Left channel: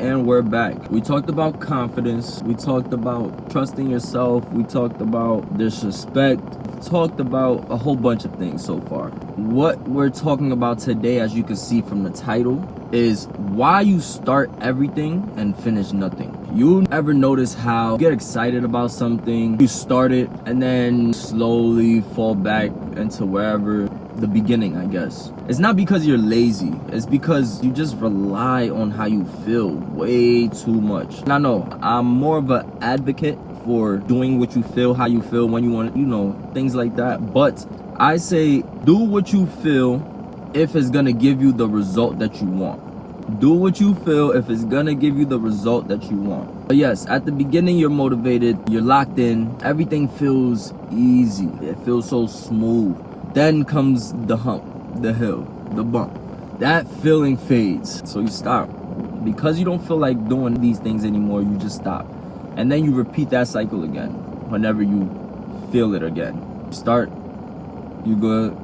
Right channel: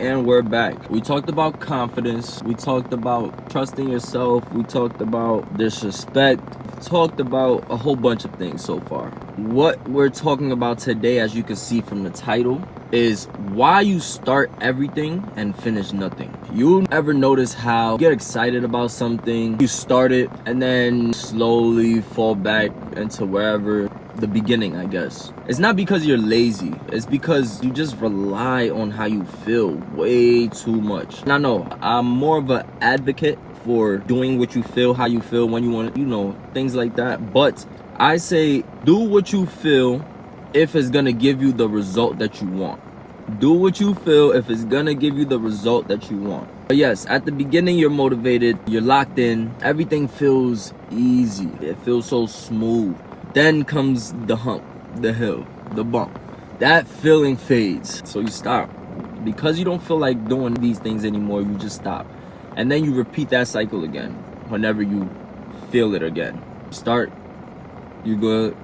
And we're back. We talked about confidence. We talked about trusting yourself. We talked about disrespect. We talked about a whole bunch of things so far. What we're talking about today, as you can see from the title, is why you start everything and finish nothing. You ever notice how you get excited about something, you start it, and then slowly fall back into wherever the beginning, I guess. It's not because you're lazy, it's because you just rely on how you feel way too much. And I know I'm more of an advocate for doing what you feel, how you feel, when you want it, things like that. But I say do what you feel if it's gonna give you the result that you want. Do what you feel if it's gonna give you the result that you want. But yes, at the beginning you're motivated, you're locked in, everything feels easy, it feels so smooth. Then comes the hump, the hill, the bump. That feeling fades, so you stop. Because you don't feel like doing these things anymore, you just stop. And then you repeat that cycle again whenever you feel it again. You start, you good,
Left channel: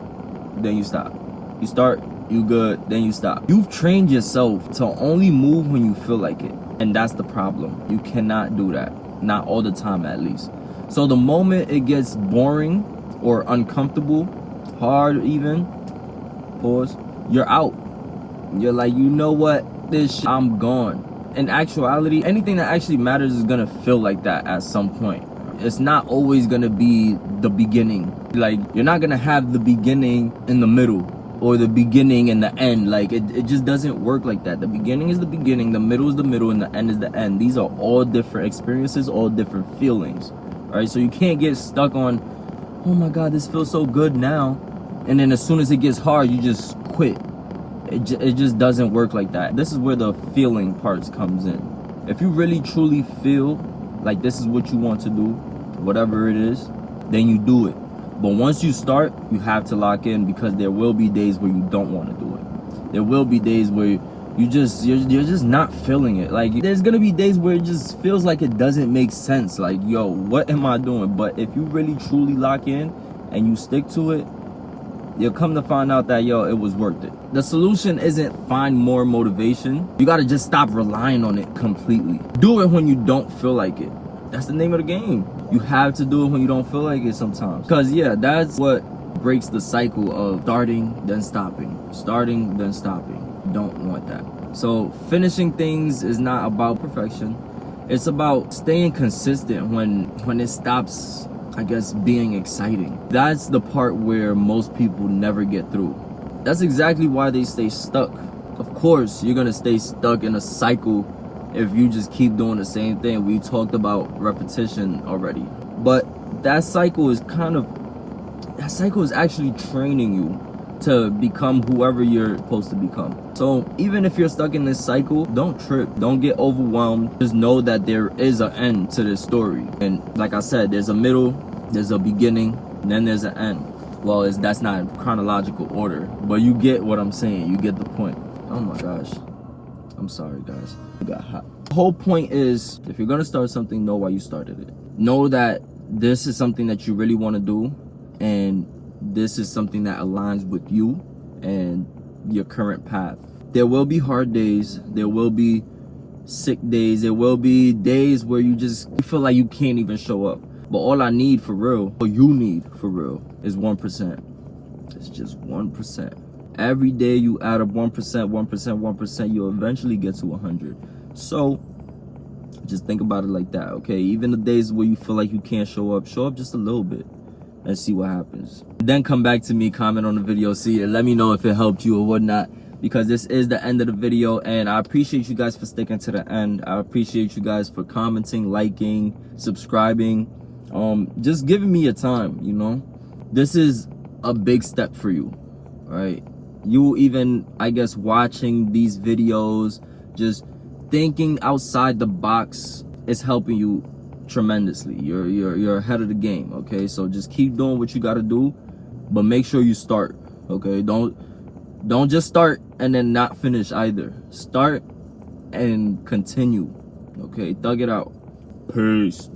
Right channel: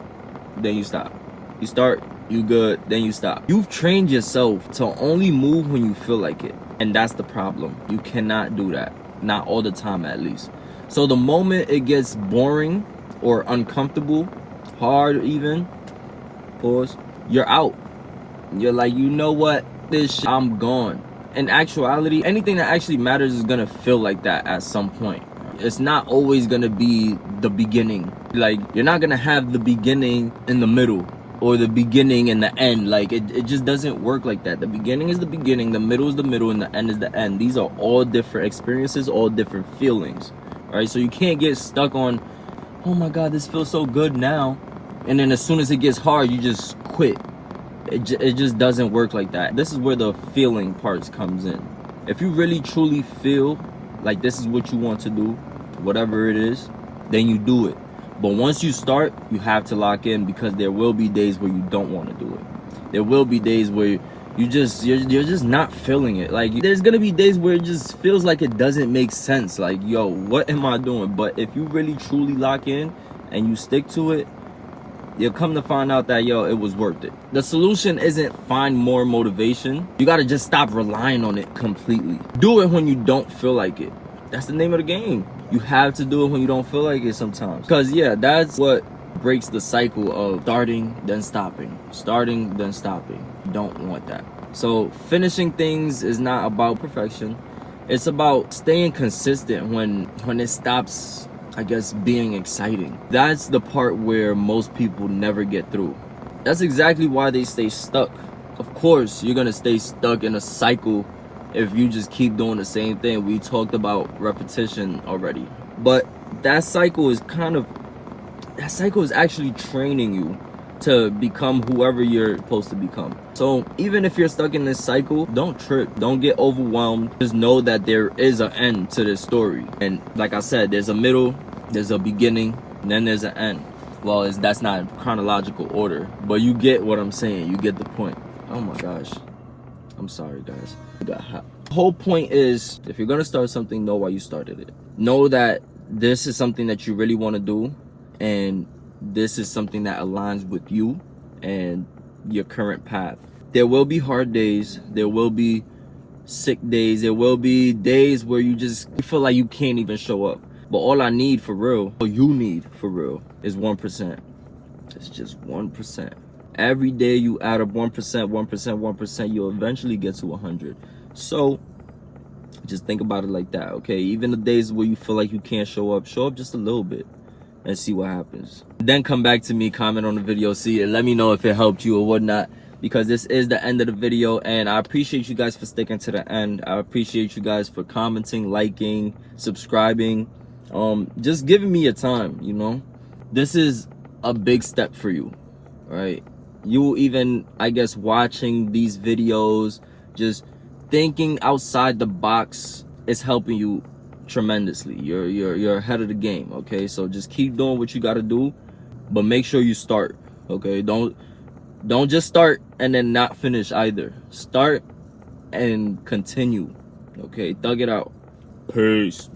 then you stop. You start, you good, then you stop. You've trained yourself to only move when you feel like it. And that's the problem. You cannot do that. Not all the time, at least. So the moment it gets boring or uncomfortable, hard even, pause, you're out. You're like, you know what, I'm gone. In actuality, anything that actually matters is gonna feel like that at some point. It's not always gonna be the beginning. Like, you're not gonna have the beginning in the middle or the beginning and the end. Like, it just doesn't work like that. The beginning is the beginning, the middle is the middle, and the end is the end. These are all different experiences, all different feelings. All right, so you can't get stuck on, oh my God, this feels so good now, and then as soon as it gets hard, you just quit. It just doesn't work like that. This is where the feeling parts comes in. If you really truly feel like this is what you want to do, whatever it is, then you do it. But once you start, you have to lock in, because there will be days where you don't want to do it. There will be days where you're just not feeling it. Like, there's gonna be days where it just feels like it doesn't make sense. Like, yo, what am I doing? But if you really truly lock in and you stick to it, you'll come to find out that, yo, it was worth it. The solution isn't find more motivation. You gotta just stop relying on it completely. Do it when you don't feel like it. That's the name of the game. You have to do it when you don't feel like it sometimes. Because, yeah, that's what breaks the cycle of starting, then stopping. Starting, then stopping. You don't want that. So finishing things is not about perfection. It's about staying consistent when it stops, I guess, being exciting. That's the part where most people never get through. That's exactly why they stay stuck. Of course, you're gonna stay stuck in a cycle if you just keep doing the same thing. We talked about repetition already. But that cycle is actually training you to become whoever you're supposed to become. So even if you're stuck in this cycle, don't trip, don't get overwhelmed. Just know that there is an end to this story. And like I said, there's a middle, there's a beginning, and then there's an end. Well, that's not chronological order, but you get what I'm saying. You get the point. Oh my gosh. I'm sorry, guys. I got hot. The whole point is, if you're gonna start something, know why you started it. Know that this is something that you really want to do, and this is something that aligns with you and your current path. There will be hard days. There will be sick days. There will be days where you feel like you can't even show up. But all I need for real, all you need for real, is 1%. It's just 1%. Every day you add up 1%, 1%, 1%, you'll eventually get to 100. So just think about it like that, okay? Even the days where you feel like you can't show up just a little bit and see what happens. Then come back to me, comment on the video, see, and let me know if it helped you or whatnot, because this is the end of the video, and I appreciate you guys for sticking to the end. I appreciate you guys for commenting, liking, subscribing, just giving me your time, This is a big step for you, right? You even, I guess, watching these videos, just thinking outside the box is helping you tremendously. You're ahead of the game, okay? So just keep doing what you got to do, but make sure you start, okay? Don't just start and then not finish either. Start and continue, okay? Thug it out. Peace.